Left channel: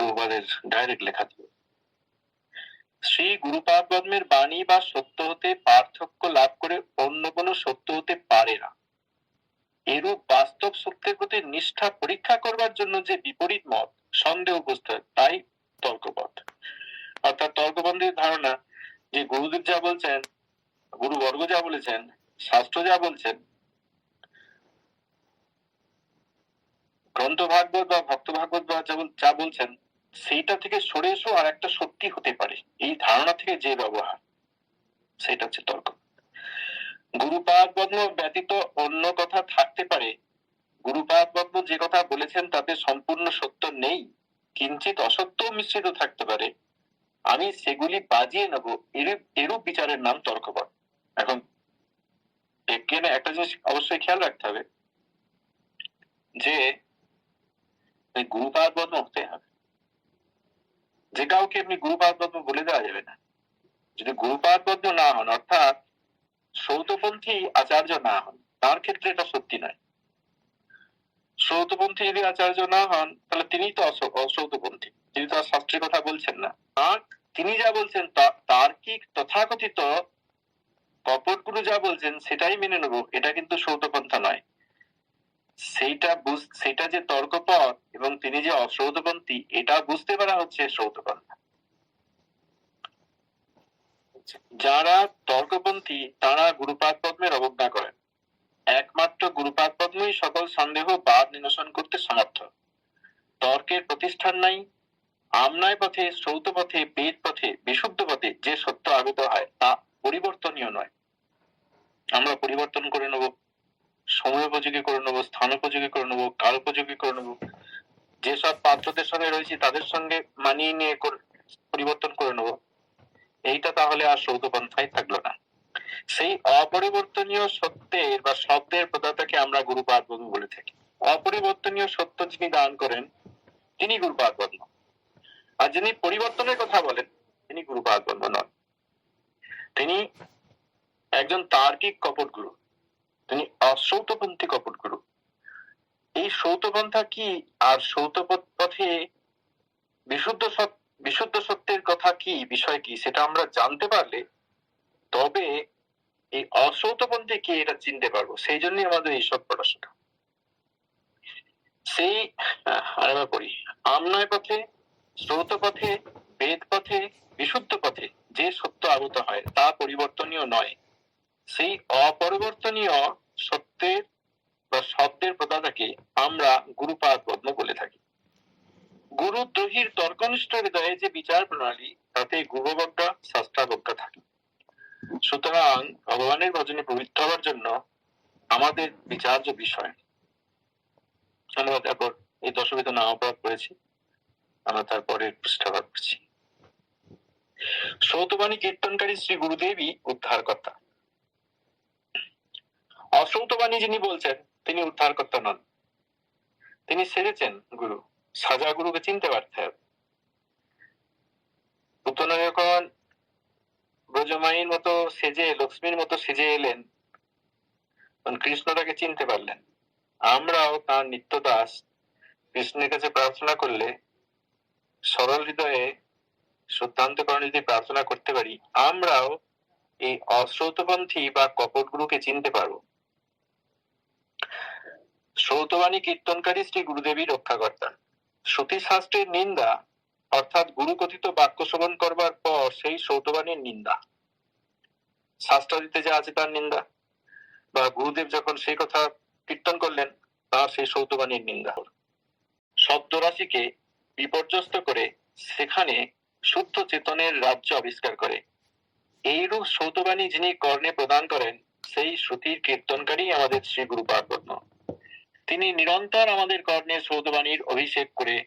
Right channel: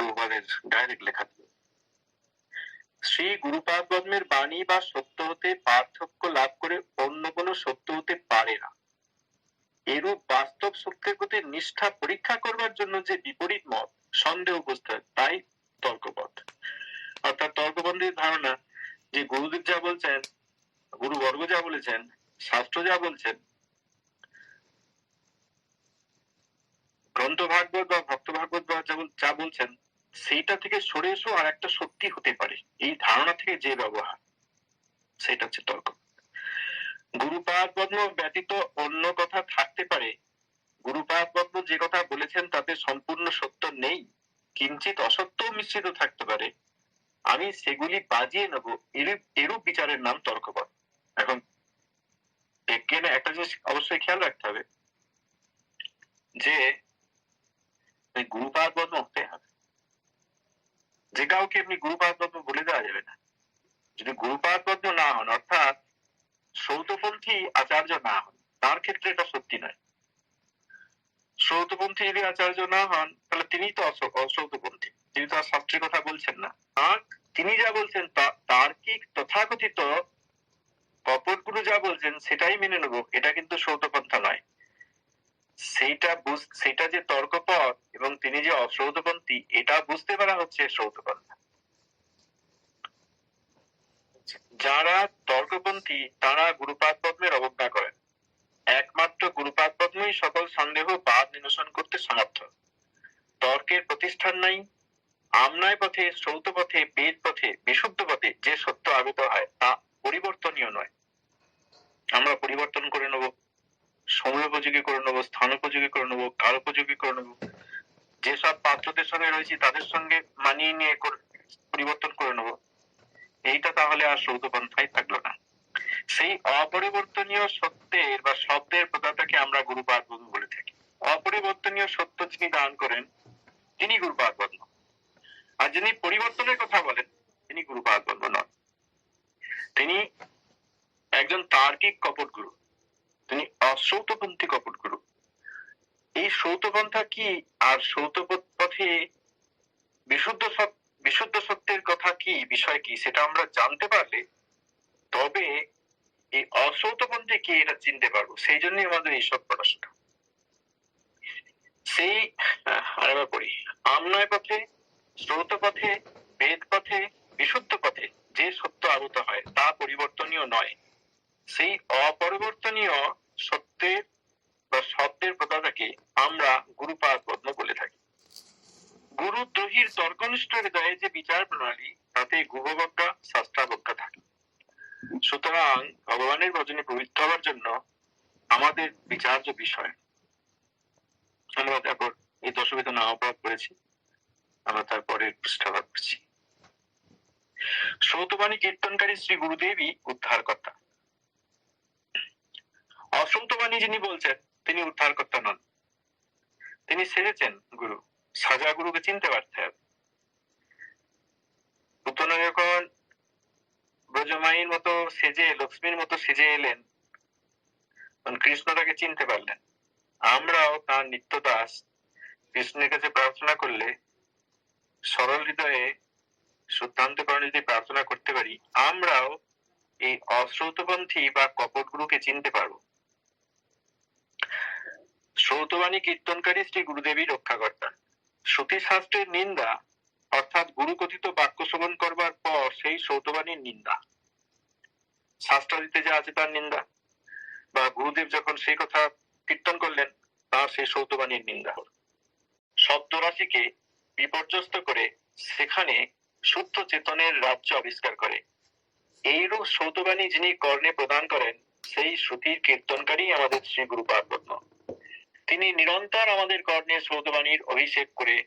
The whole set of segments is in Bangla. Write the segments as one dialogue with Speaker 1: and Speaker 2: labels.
Speaker 1: প্রভুপাদের ডাইরেক্ট লেখা ছিল। শ্রী গুরুপাদ পদ্মের বাণী বা সত্য হতে পার্থক্য লাভ করে অন্য কোনো সত্য হতে পারে না। এরূপ বাস্তব সত্যের প্রতি নিষ্ঠা পরীক্ষা করবার জন্য যে বিপরীত মত সন্দেহ উপস্থিত তাই তর্কপথ। অর্থাৎ তর্কবন্ধের ধারণা যে গুরুদেব যা বলছেন, গুরুবর্গ যা বলেছেন, শাস্ত্র যা বলছেন গ্রন্থ ভাগবত বা ভক্ত ভাগবত যা বলছেন সেইটা থেকে সরে এসো আর একটা সত্যি হতে পারে। এই ধারণা থেকে যে ব্যবহার সেটা হচ্ছে তর্ক। গুরুপাদ পদ্ম ব্যতীত অন্য কথা থাকতে পারে। গুরুপাদ পদ্ম যে কথা বলেছেন তাতে সম্পূর্ণ সত্য নেই। কিঞ্চিত অসত্য মিশ্রিত থাকতে পারে। আমি সেগুলি বাজিয়ে নেব, এরূপ এরূপ বিচারের নাম তর্কপদ এখন এখানে একটা জিনিস অবশ্যই খেয়াল রাখতে হবে যে গুরুপাদ পদ্ম হতে হবে। যে কাউকে এমনি গুরুপাদ পদ্ম বলে দেওয়া যাবে না। যদি গুরুপাদ পদ্ম না হন, অর্থাৎ সৌতপন্থী আচার্য না হন, তার ক্ষেত্রে এটা সত্যি নয়। সৌতপন্থী যদি আচার্য না হন, তাহলে তিনি তো অস- অসৌতপন্থী। তিনি তো শাস্ত্রের কথা বলছেন না। আর তিনি যা বলছেন তা- তার্কিক তথাকথিত কপট গুরু যা বলছেন, সেটাই মেনে নেব। এটা কিন্তু সৌতপন্থা নয়। সেইটা সেটা যে তর্কপথ এবং তিনি যে অশ্রৌতপন্থী এটা বুঝতে পারা হচ্ছে শ্রৌতপন্থা যারা তর্কপন্থী, তারা গুরুপাদ পদ্মের অবজ্ঞা করেন। একমাত্র গুরুপাদ পদ্মই সকল সন্দেহ, বাদ, নিরসন করতে সমর্থ। তর্কের প্রতিষ্ঠান নাই, আমনায় পথে শ্রৌত পথে বেদ পথে, বিশুদ্ধ পথে যে সত্য আগত হয়, তা পরিবর্তনীয় নয়। আমরা পরিবর্তন করে নেব। সময় উপযোগী করে নেব, স্থান উপযোগী করে নেব, কাল উপযোগী করে নেব। যেসব পাত্রদের সঙ্গে রয়েছে, তাদের সঙ্গে মানিয়ে নিয়ে পরিবর্তন করে নেব। এইটা তাহলে আর সৌতপন্থাই থাকল না। সেই অপরিবর্তনীয় সত্যের বা শব্দের প্রদাতাকে আমরা গুরুপাদ বধু বলে থাকি। অপরিবর্তনীয় সত্য যিনি দান করেন, তিনি গুরুপাদ বর্ণ আর যিনি পরিবর্তনের কথা বলেন, তিনি গুরুপাদ বর্ণ নন। তিনি একজন তার্কিক কপট গুরু তিনি অশ্রৌতপন্থী কপট গুরু এই সৌতপন্থা কি আর সৌত পথে বিশুদ্ধ বিশুদ্ধ সত্যের কথা কি, বিষয় কি, সেটা আমরা জানতে পারলে তবে এই অসৌতপন্থী কি এটা চিনতে পারব? সেই জন্যই আমাদের এইসব পড়াশোনা। সেই আরেকবার পড়ি। আমনয় পথে স্রোত পথে, বেদ পথে, বিশুদ্ধ পথে যে সত্য আগত হয়, তা পরিবর্তনীয় নয়। সেই অপরিবর্তনীয় সত্যের বা শব্দের প্রদাতাকে আমরা গুরুপাদ পদ্ম বলে থাকি। গুরুদ্রোহীর তর্কনিষ্ঠ হৃদয়ে যে বিচার প্রণালী, তাতে গুহবজ্ঞা, শাস্ত্রাবজ্ঞা থাকে। সুতরাং ভগবানের ভজনে পবিত্র হওয়ার জন্য আমাদের বিচার্য বিষয়। আমরা তারপর এই দশবিধ নাম অপরাধ করেছি। আমরা তারপরে পৃষ্ঠাভাগ করছি। সৌতবাণী কীর্তনকারী শ্রী গুরুদেবী উদ্ধারকর্তা। অসৌতবাণী যিনি বলছেন, তিনি উদ্ধার করতে নন। তিনি সেরেছেন গুরু। সাজা গুরুকে চিনতে পারতে যখন ব্রজমাইয়ের মতো সেজে, লক্ষ্মীর মতো সেজে এলেন। কৃষ্ণ তাকে চিনতে পারলেন। আমরাও তার নিত্য দাস কৃষ্ণের কাছে প্রার্থনা করলে সরল হৃদয়ে শুদ্ধান্তকরণে যদি প্রার্থনা করতে পারি, আমরাও এই অশ্রৌতপন্থী বা কপট গুরুকে চিনতে পারব। শ্রৌতবাণী কীর্তনকারী শ্রী গুরুদেবী রক্ষাকর্তা। শ্রুতি শাস্ত্রের নিন্দা, অর্থাৎ গুরু কথিত বাক্য শ্রবণ করবার পর সেই সৌতবাণীর নিন্দা। শাস্ত্রাদিতে যা আছে তার নিন্দা, বা গুরুদেব যখন সেই কথা কীর্তন করলেন, তার সেই সৌতবাণীর নিন্দা। হল শব্দ রাশিকে বিপর্যস্ত করে সেখানে শুদ্ধ চেতনের রাজ্য আবিষ্কার করে। এইরূপ সৌতবাণী যিনি কর্ণে প্রদান করেন, সেই শ্রুতির কীর্তনকারী আমাদের শ্রী গুরু পার্বত্য। তিনি নিরন্তর আমাদের কর্ণে সৌতবাণীর অভিষেক করে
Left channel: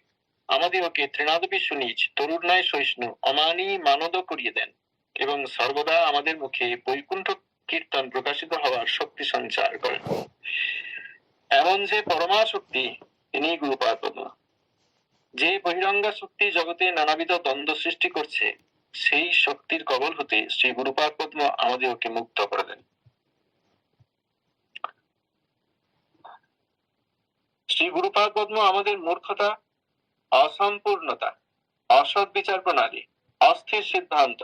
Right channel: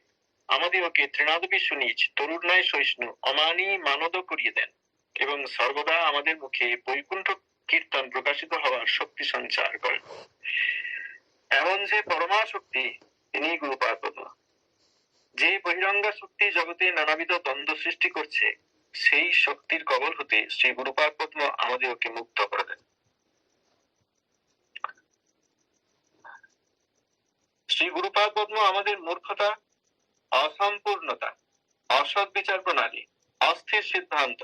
Speaker 1: আমাদেরকে তৃণাদপি সুনিজ তরুণায় সহিষ্ণু, অমানি মানদ করিয়ে দেন এবং সর্বদা আমাদের মুখে বৈকুণ্ঠ কীর্তন প্রকাশিত হওয়ার শক্তি সঞ্চার করেন। এমন যে পরমা শক্তি তিনি গুরুপাদ যে বহিরঙ্গা শক্তি জগতে নানাবিধ দ্বন্দ্ব সৃষ্টি করছে, সেই শক্তির কবল হতে শ্রী গুরুপাদ পদ্ম আমাদেরকে মুক্ত করে দেন। শ্রী গুরুপাদ পদ্ম আমাদের মূর্খতা, অসম্পূর্ণতা, অসৎ বিচার প্রণালী, অস্থির সিদ্ধান্ত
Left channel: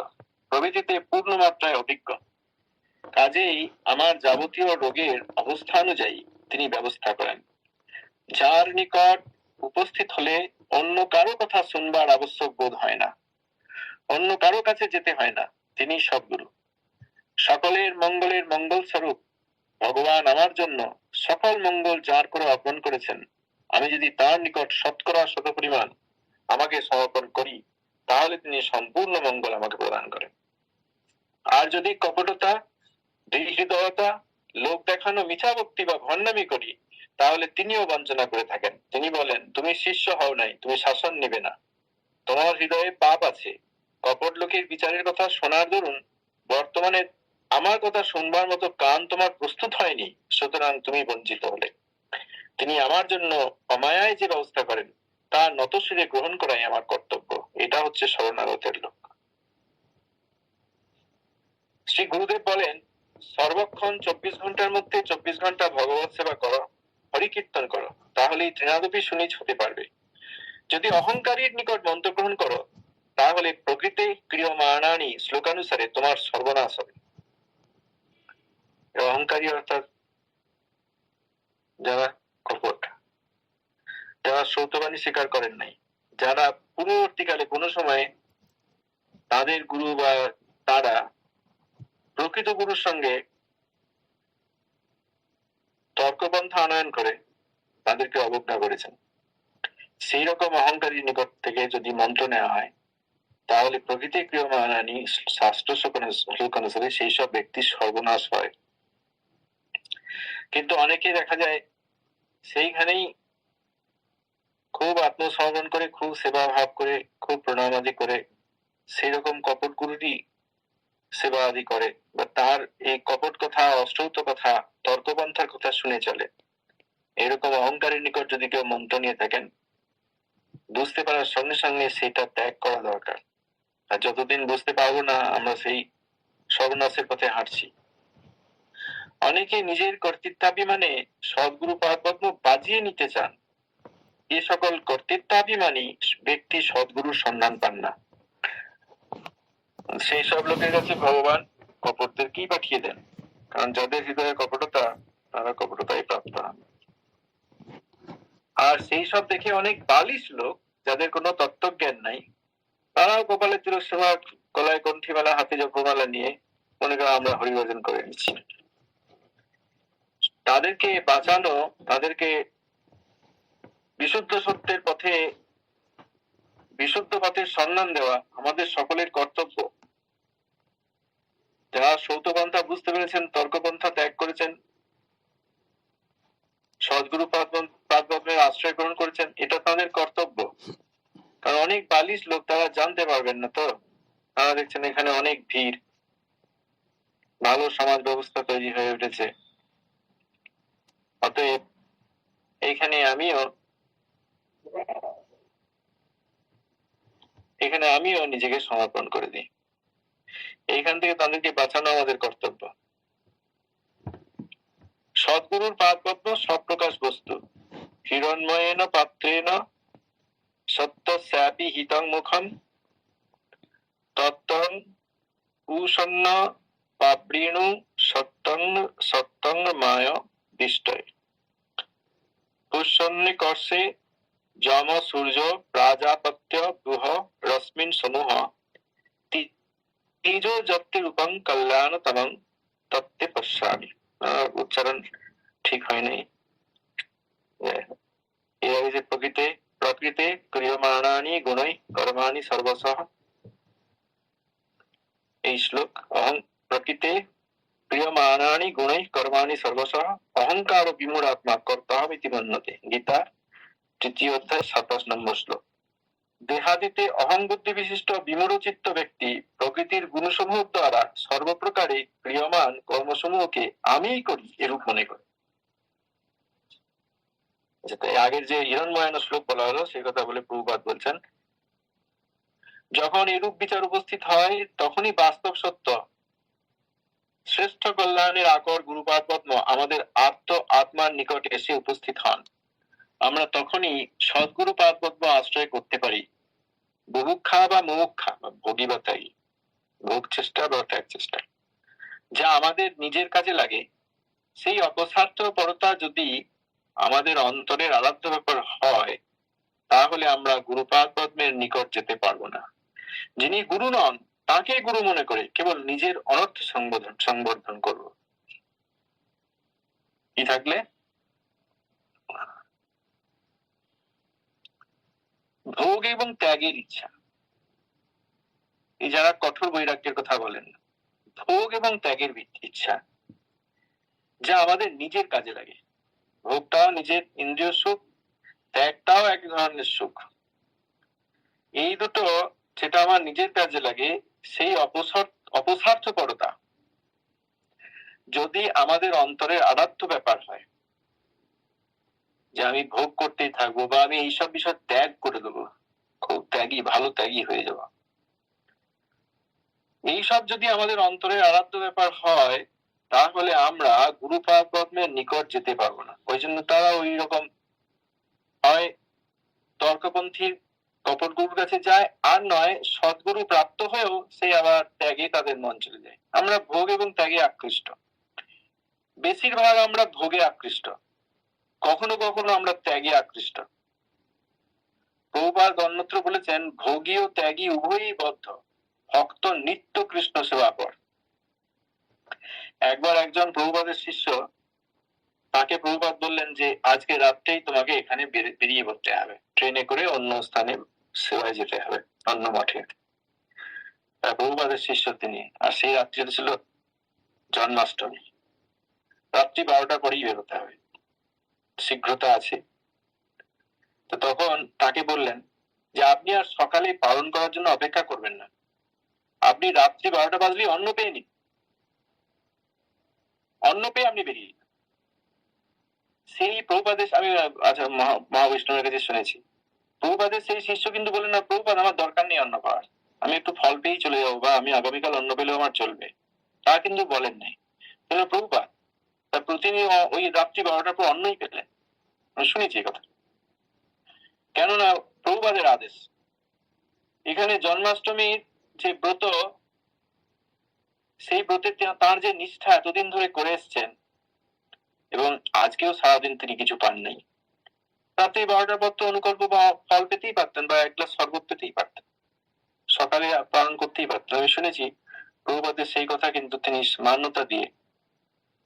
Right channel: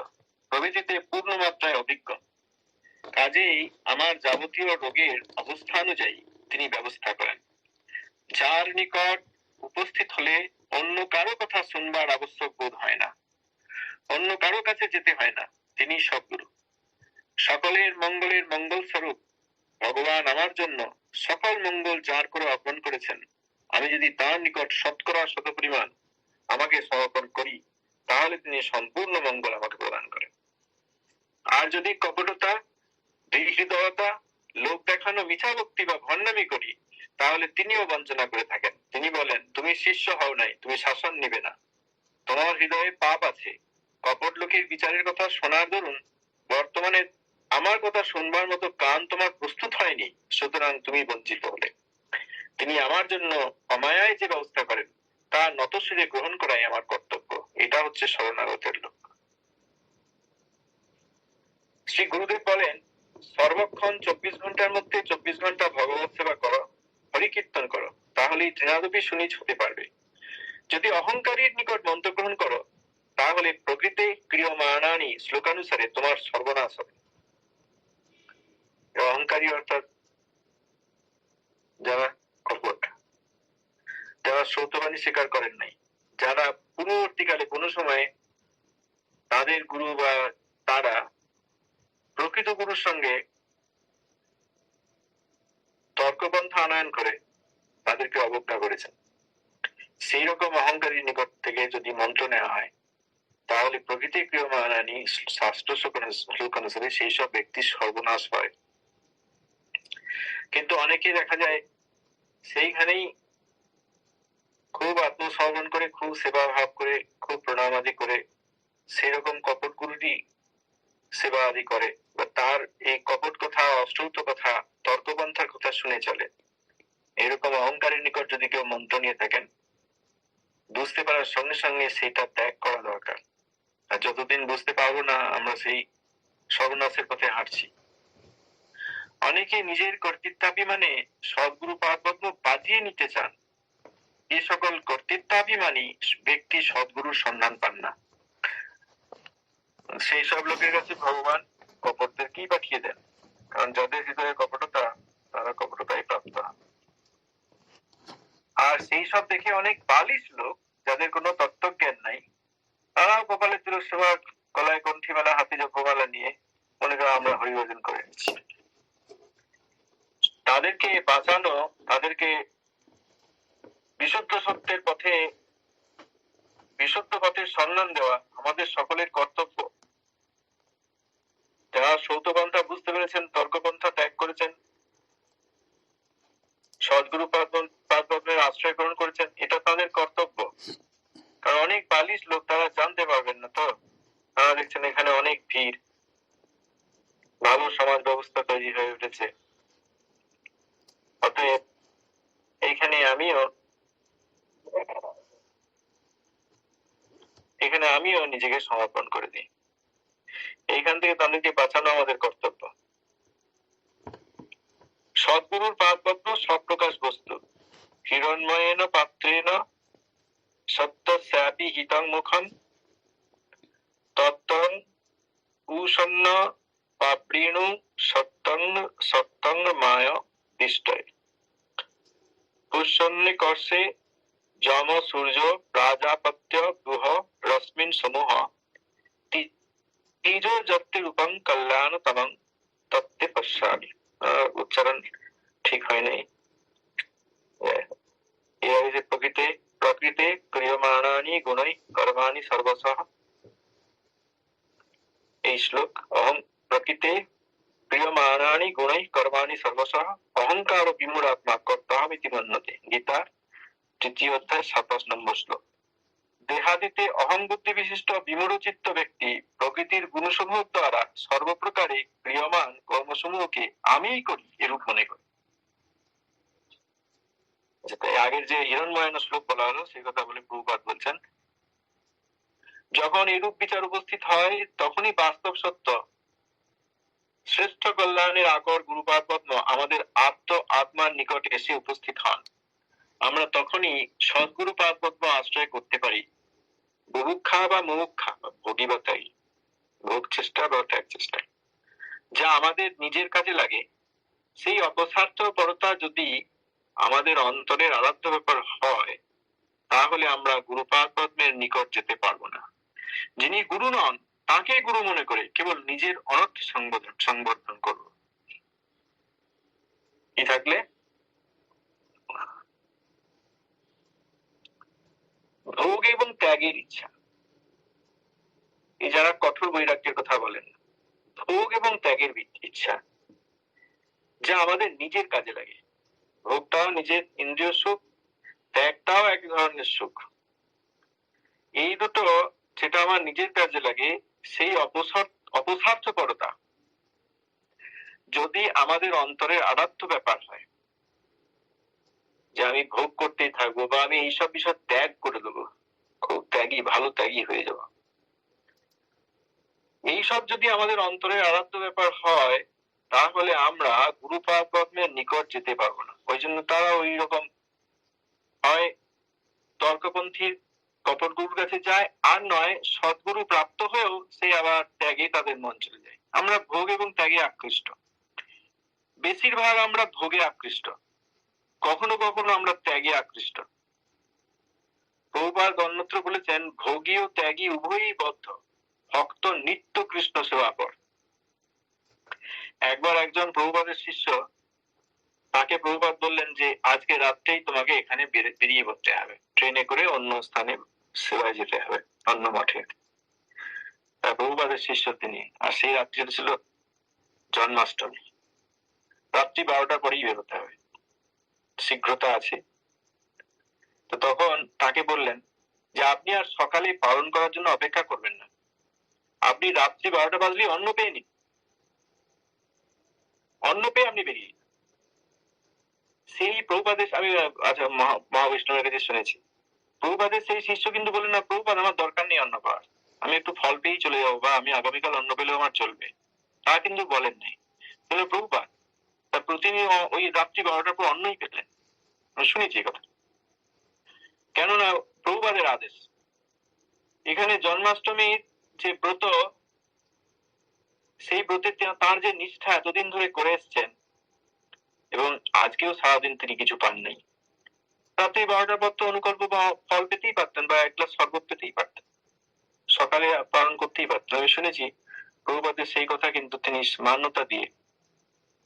Speaker 1: প্রভৃতিতে পূর্ণ মাত্রায় অভিজ্ঞ। কাজেই আমার যাবতীয় রোগের অবস্থা অনুযায়ী তিনি ব্যবস্থা করেন। যার নিকট উপস্থিত হলে অন্য কারও কথা শুনবার আবশ্যক বোধ হয় না। অন্য কারও কাছে যেতে হয় না। তিনি সদ্গুরু। সকলের মঙ্গলের মঙ্গল স্বরূপ ভগবান আমার জন্য সকল মঙ্গল যার করে অর্পণ করেছেন। আমি যদি তার নিকট শতকরা শত পরিমাণ আমাকে সমর্পণ করি, তাহলে তিনি সম্পূর্ণ মঙ্গল আমাকে প্রদান করেন। আর যদি কপটতা হৃদয়তা লোক দেখানো মিছা ভক্তি বা ভণ্ডামি করি, তাহলে তিনিও বঞ্চনা করে থাকেন। তিনি বলেন, তুমি শিষ্য হও নাই, তুমি শাসন নেবে না। তোমার হৃদয়ে পাপ আছে। কপট লোকের বিচারের কথা শোনার দরুন বর্তমানে আমার কথা শুনবার মতো কান তোমার প্রস্তুত হয়নি, সুতরাং তুমি বঞ্চিত হলে। তিনি আমার জন্য অমায়ায় যে ব্যবস্থা করেন, তা নতশিরে গ্রহণ করাই আমার কর্তব্য। এটা হচ্ছে শরণাগতের লোক। শ্রী গুরুদেব বলেন, সর্বক্ষণ চব্বিশ ঘণ্টার মধ্যে চব্বিশ ঘণ্টা ভগবত সেবা করো, হরিকীর্তন করো, তাহলেই তৃণাদপি সুনিজ হতে পারবে। যদি অহংকারীর নিকট মন্ত্র গ্রহণ করো, তাহলে প্রকৃতি ক্রিয়মাণানি শ্লোকানুসারে তোমার সর্বনাশ হবে। অহংকারী অর্থাৎ যারা কপট যারা সৌতবাণী স্বীকার করেন নাই যারা পূর্ববর্তীকালে কোনো সময়ে তাদের গুরু বা তারা প্রকৃত গুরুর সঙ্গে তর্কপন্থা আনয়ন করে তাদেরকে অবজ্ঞা করেছেন সেই রকম অহংকারী নিকট থেকে যদি মন্ত্র নেওয়া হয় তাহলে প্রকৃতি ক্রিয়মানানি শাস্ত্র অনুসারে সেই সব ব্যক্তির সর্বনাশ হয় কিন্তু অনেকে দেখা যায় সেইখানেই খুব আত্মসমর্পণ করে, খুব সেবা ভাব করে, খুব প্রণাম আদি করে সেই রকম কপট গুরুরই সেবা আদি করে। বা তার এই কপট কথা, অশ্রৌত কথা, তর্কপন্থার কথা শুনে চলে। এরকম অহংকারের নিকট যদি কেউ মন্ত্র নিয়ে থাকেন, বুঝতে পারার সঙ্গে সঙ্গে সেটা ত্যাগ করা দরকার। আর যতদিন বুঝতে পারব না, আমরা সেই সর্বনাশের পথে হাঁটছি। অনেকে নিজের কর্তৃত্বাভিমানে সদ্গুরু পাদপদ্ম বাজিয়ে নিতে চান। এ সকল কর্তৃত্বাভিমানী ব্যক্তি সদ্গুরুর সন্ধান পান না। সেই সব লোকের কাছে ভগবান কপটদেরকেই পাঠিয়ে দেন? কারণ যাদের হৃদয়ে কপটতা, তারা কপটতায় প্রাপ্ত। হন আর সেই সব দেখে অনেক বালিশ লোক, যাদের কোনো তত্ত্বজ্ঞান নাই, তারাও কপালে তুলসভা গলায় কণ্ঠিমালা, হাতে জপমালা নিয়ে মনে করো আমরা হরিভজন করে নিচ্ছি। তাদেরকে বাঁচানো, তাদেরকে বিশুদ্ধ সত্যের পথে, বিশুদ্ধ পথের সন্ধান দেওয়া আমাদের সকলের কর্তব্য। যারা সৌতপন্থা বুঝতে পেরেছেন, তর্কপন্থা ত্যাগ করেছেন, সদ্গুরু পাদপদ্মের আশ্রয় গ্রহণ করেছেন, এটা তাদের কর্তব্য। কারণ অনেক বালিশ লোক তারা জানতে পারবেন না তো। তারা দেখছেন এখানে অনেক ভিড়। ভালো সমাজ ব্যবস্থা তৈরি হয়ে উঠেছে। অতএব এখানে আমিও এখানে আমিও নিজেকে সমর্পণ করে দিই। এইখান থেকে তাদেরকে বাঁচানো আমাদের কর্তব্য। সদ্গুরুর পাদপদ্ম সপ্রকাশ বস্তু। হিরণময়েন পাত্রেন সত্য স্যাপি হিতাং মুখম তত্তং উষন্ন পাবৃণু সত্যং সত্যং মায় দিষ্টয় পুষ্যন্নি কর্ষে যম, সূর্য, প্রাজাপত্য, গুহ, রশ্মিন সমূহ তেজ যত্তে রূপং কল্যাণতমং তত্ত্বে পশ্যামি। উচ্চারণ ঠিক হয় নাই এভাবে যে প্রকৃতি প্রকৃতি ক্রিয়মাণানি গুণই কর্মাণি সর্বসহ। এই শ্লোক, অহং প্রকৃতি ক্রিয়মাণানি গুণই কর্মাণি সর্বসহ অহংকার বিমূঢ়াত্মা কর্তাহমিতি মন্যতে গীতা তৃতীয় অধ্যায় সাতাশ নম্বর শ্লোক দেহাদিতে অহং বুদ্ধি বিশিষ্ট বিমূঢ়চিত্ত ব্যক্তি প্রকৃতির গুণসমূহ দ্বারা সর্বপ্রকারে ক্রিয়মান কর্মসমূহকে আমিই করি এরূপ মনে করে আগের যে হিরণময়ান শ্লোক বলা হলো সেই কথা বলে প্রভুপাত বলছেন যখন এরূপ বিচার উপস্থিত হয় তখনই বাস্তব সত্য শ্রেষ্ঠ কল্যাণের আকর গুরুপাদ আমাদের আত্ম আত্মার নিকটে এসে উপস্থিত হন। আমরা তখনই সদ্গুরু পাদ আশ্রয় করতে পারি। বুভুক্ষা বা মুমুক্ষা বা ভোগী চেষ্টা বা ত্যাগ চেষ্টা যা আমাদের নিজের কাজে লাগে। সেই অপস্বার্থপরতা যদি আমাদের অন্তরের আরাধ্য ব্যাপার হয়, তাহলে আমরা গুরুপাদ পদ্মের নিকট যেতে পারব না। যিনি গুরু নন তাকে গুরু মনে করে কেবল নিজের অনর্থ সংবোধন সংবর্ধন করব। কি থাকলে? ভোগ এবং ত্যাগের ইচ্ছা। এই যারা কঠোর বৈরাগ্যের কথা বলেন, ভোগ এবং ত্যাগের ইচ্ছা, যা আমাদের নিজের কাজে লাগে। ভোগটাও নিজের ইন্দ্রিয় সুখ, ত্যাগটাও এক ধরনের সুখ। এই দুটো, যেটা আমার নিজের কাজে লাগে সেই অপসার- অপস্বার্থপরতা যদি আমাদের অন্তরের আরাধ্য ব্যাপার হয়, যে আমি ভোগ করতেই থাকব বা আমি এইসব বিষয় ত্যাগ করে দেবো, খুব ত্যাগী, ভালো ত্যাগী হয়ে যাব। এইসব যদি আমাদের অন্তরের আরাধ্য ব্যাপার হয়, তাহলে আমরা গুরুপাদ পদ্মের নিকট যেতে পারব না। ওই জন্য তারা ওই রকম হয় তর্কপন্থীর কপট গুরুর কাছে যায়, আর নয়, সদ্গুরু প্রাপ্ত হয়েও সে আবার ত্যাগে তাদের মন চলে যায়। আমরা ভোগ এবং ত্যাগে আকৃষ্ট। বেশিরভাগ আমরা ভোগে আকৃষ্ট। কখনো কখনো আমরা ত্যাগে আকৃষ্ট। বহুবার অন্যত্র বলেছেন, ভোগী ও ত্যাগী উভয়ই বদ্ধ। ভক্ত নিত্য কৃষ্ণ সেবা কর। একবার একজন প্রভুপাদের শিষ্য তাকে প্রভুপাদ বললেন যে, আজকে রাত্রেই তোমাকে এখানে বেরিয়ে পড়তে হবে। ট্রেনে করে অন্য স্থানে সেবায় যেতে হবে, অন্য মঠে। প্রভুপাদের শিষ্য তিনি, আর সেই রাত্রিটা ছিল জন্মাষ্টমী। রাত্রি বারোটার পরেই বেরোতে হবে। শীঘ্রতা আছে। তো তখন তাকে বললেন যে, আপনি আর সকালে পালন করার জন্য অপেক্ষা করবেন না। আপনি রাত্রি বারোটা বাজলে অন্ন পেয়ে নিন। অন্ন পেয়ে আপনি বেরিয়ে সেই প্রভুপাদেশ, আমি আচ্ছা মহা- মহাবৈষ্ণবের কাছে শুনেছি। প্রভুপাদের সেই শিষ্য কিন্তু বলেন না প্রভুপাদ আমার দরকার নেই অন্ন পাওয়ার আমি একটু ফল পেয়েই চলে যাব বা আমি আগামীকাল অন্ন পেলেও আমার চলবে। তা কিন্তু বলেন নাই। বলে প্রভুপাদ তা প্রতিদিন ওই রাত্রি বারোটার পর অন্নই পেলেন। শুনেছি কথা। কেননা প্রভুপাদের আদেশ, এখানে জন্মাষ্টমীর যে ব্রত, সেই ব্রতের তার যে নিষ্ঠা এতদিন ধরে করে এসছেন, এবং আজকেও সারাদিন তিনি কিছু পান নাই। রাত্রি বারোটার পর তো অনুকল্প বা ফল পেতেই পারতেন বা এক গ্লাস শরবত পেতেই পারতেন। সকালে পালন করতেই পারতেন। আমি শুনেছি, প্রভুপাদের সেই কথা কিন্তু তিনি মান্যতা দিয়ে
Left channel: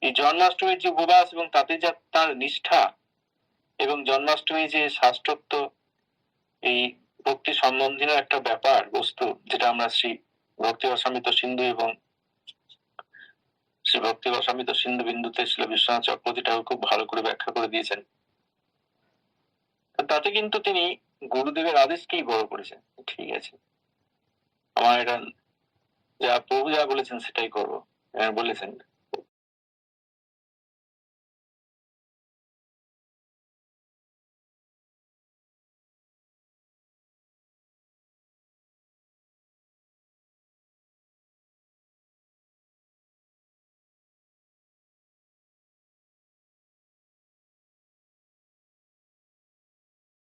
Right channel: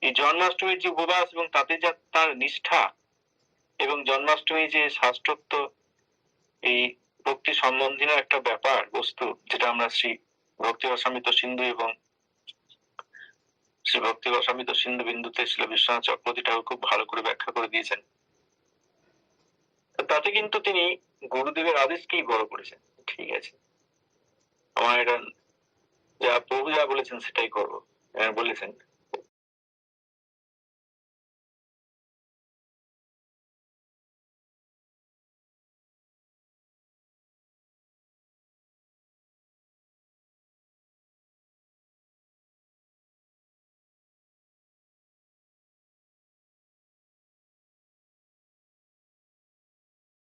Speaker 1: এই জন্মাষ্টমীর যে উপবাস এবং তাতে যা তার নিষ্ঠা এবং জন্মাষ্টমী যে শাস্ত্রত্ব এই ভক্তি সম্বন্ধীয় একটা ব্যাপার, বস্তু, যেটা আমরা শ্রী ভক্তি অসামিত সিন্ধু এবং শ্রী ভক্তি অসামিত সিন্ধু বিন্দুতে ছিল বিশ্বনাথ চক্রবর্তী ঠাকুর খুব ভালো করে ব্যাখ্যা করে দিয়েছেন। তাতে কিন্তু তিনি গুরুদেবের আদেশকেই বড় করেছেন। ঠিক আছে। আমার এটা যা প্রভু যা বলেছেন সেটাই করব। এরকম বলেছেন।